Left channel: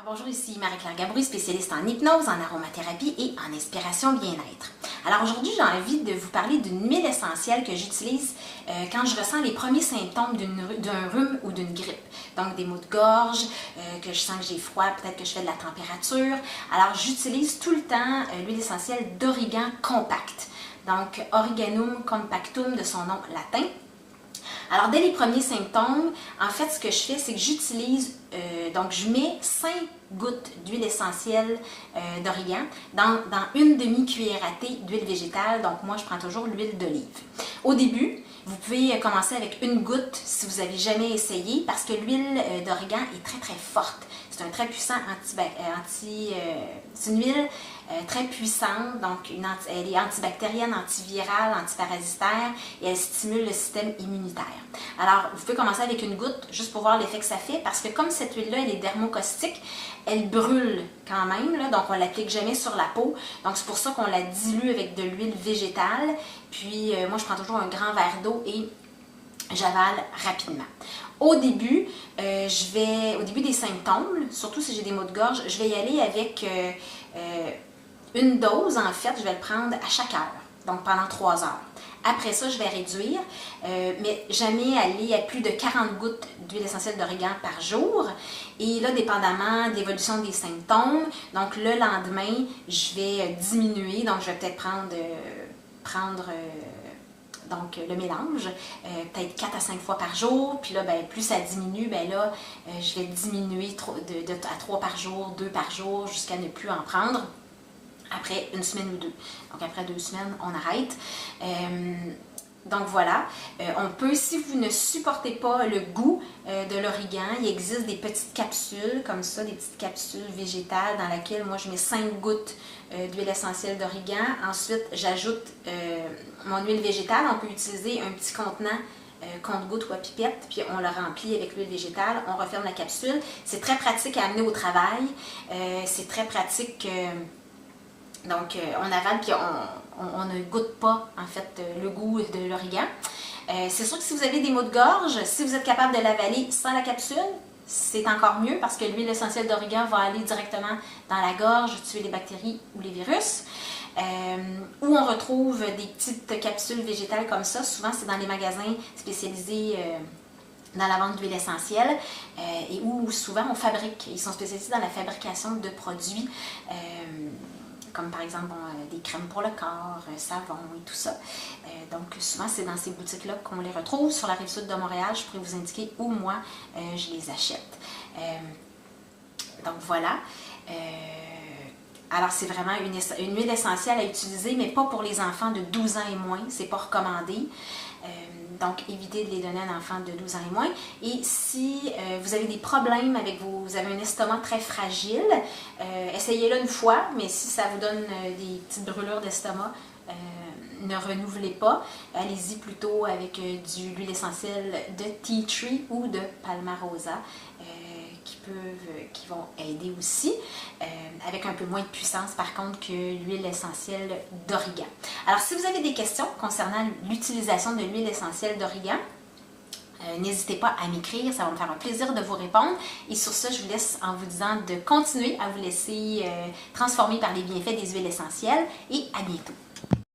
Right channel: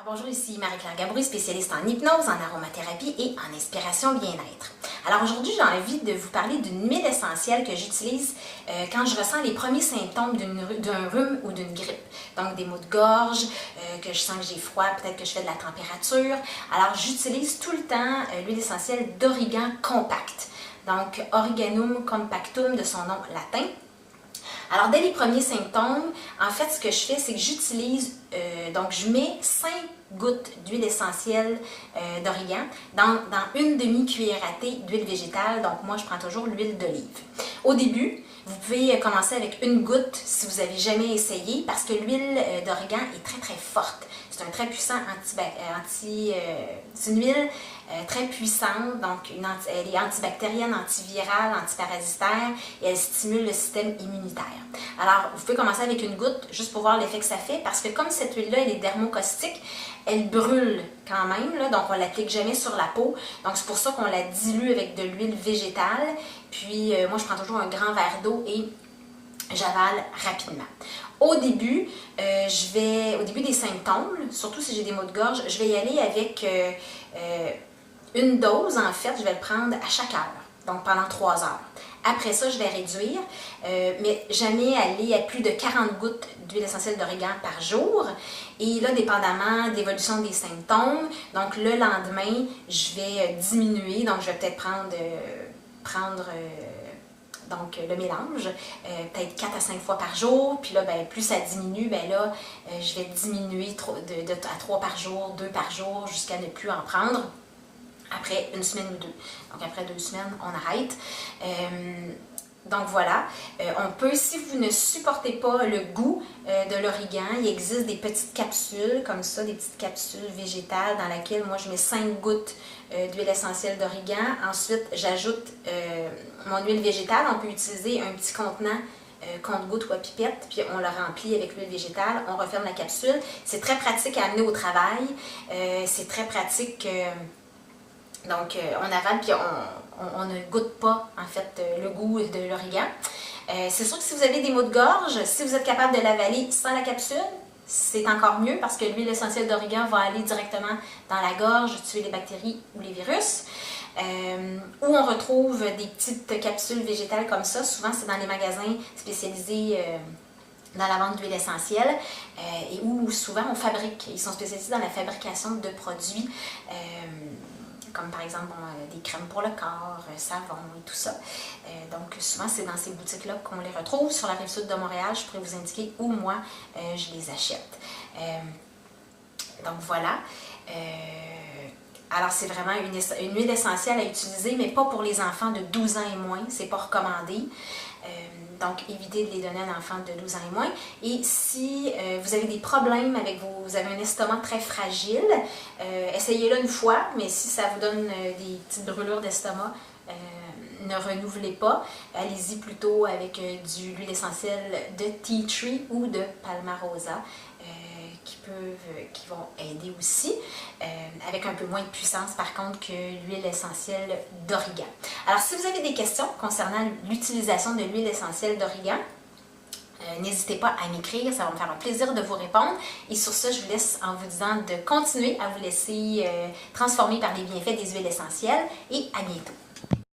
Alors bonjour, ici Marie-Claire Gabrouille, spécialiste en hypnose, en aromathérapie et en inspiration bien-être. Alors aujourd'hui, j'ai envie de vous parler d'une huile essentielle que j'utilise quand je ressens les premiers symptômes d'un rhume ou d'une grippe. Donc des maux de gorge, que je sens que j'ai froid, peut-être que je fais de la température. Alors j'utilise tout le temps l'huile essentielle d'origan compact. Donc Origanum compactum de son nom latin. Alors, dès les premiers symptômes, en fait, ce que je fais, c'est que j'utilise, donc je mets 5 gouttes d'huile essentielle d'origan dans une demi-cuillère à thé d'huile végétale. Donc, moi, je prends toujours l'huile d'olive. Au début, vous pouvez commencer avec une goutte si vous n'avez jamais essayé parce que l'huile d'origan est très, très forte. C'est un très puissant c'est une huile très puissante, donc elle est antibactérienne, antivirale, antiparasitaire et elle stimule le système immunitaire. Alors, vous pouvez commencer avec une goutte juste pour voir l'effet que ça fait parce que comme cette huile-là, elle est dermocaustique, elle brûle quand même, là, donc on ne l'applique jamais sur la peau. Donc, c'est pour ça qu'on la dilue avec de l'huile végétale. Puis, moi, je prends toujours un grand verre d'eau et j'avale rapidement. Au début des symptômes, surtout si j'ai des maux de gorge, je vais y aller avec une dose, en fait, je vais le prendre à chaque heure, donc pendant 3 heures. Après ça, je vais réduire, mais jamais aller à plus de 40 gouttes d'huile essentielle d'origan par jour. Et là, dépendamment de l'évolution des symptômes, donc le lendemain, je vais diminuer, donc je vais peut-être prendre donc le mélange, peut-être 4 à 5 fois par jour, puis là, ben, plus ça diminue, ben là, je vais diminuer à 3 par jour, 2 par jour, jusqu'à ne plus en prendre après une semaine ou 2. Donc après 2 semaines, on arrête. Donc voilà, on peut, si vous ne supportez pas le goût de l'origan, il existe des petites capsules comme ça, des petites capsules végétales dans lesquelles moi je mets 5 gouttes d'huile essentielle d'origan. Ensuite, j'ajoute mon huile végétale. On peut utiliser un petit contenant compte-gouttes ou à pipette, puis on le remplit avec l'huile végétale, on referme la capsule. C'est très pratique à amener au travail, c'est très pratique... Donc, on avale puis on ne goûte pas, en fait, le goût de l'origan. C'est sûr que si vous avez des maux de gorge, si vous êtes capable de l'avaler sans la capsule, c'est encore mieux parce que l'huile essentielle d'origan va aller directement dans la gorge, tuer les bactéries ou les virus. Où on retrouve des petites capsules végétales comme ça, souvent c'est dans les magasins spécialisés dans la vente d'huile essentielle et où souvent on fabrique, ils sont spécialisés dans la fabrication de produits comme par exemple des crèmes pour le corps, savon et tout ça. Donc souvent c'est dans ces boutiques-là qu'on les retrouve. Sur la rive sud de Montréal, je pourrais vous indiquer où moi je les achète. Donc voilà. Alors c'est vraiment une huile essentielle à utiliser, mais pas pour les enfants de 12 ans et moins, c'est pas recommandé. Donc, évitez de les donner à un enfant de 12 ans et moins. Et si vous avez des problèmes vous avez un estomac très fragile, essayez-le une fois, mais si ça vous donne des petites brûlures d'estomac, ne renouvelez pas. Allez-y plutôt avec de l'huile essentielle de tea tree ou de palmarosa qui vont aider aussi, avec un peu moins de puissance par contre que l'huile essentielle d'origan. Alors, si vous avez des questions concernant l'utilisation de l'huile essentielle d'origan, n'hésitez pas à m'écrire, ça va me faire un plaisir de vous répondre. Et sur ça, je vous laisse en vous disant de continuer à vous laisser transformer par les bienfaits des huiles essentielles et à bientôt.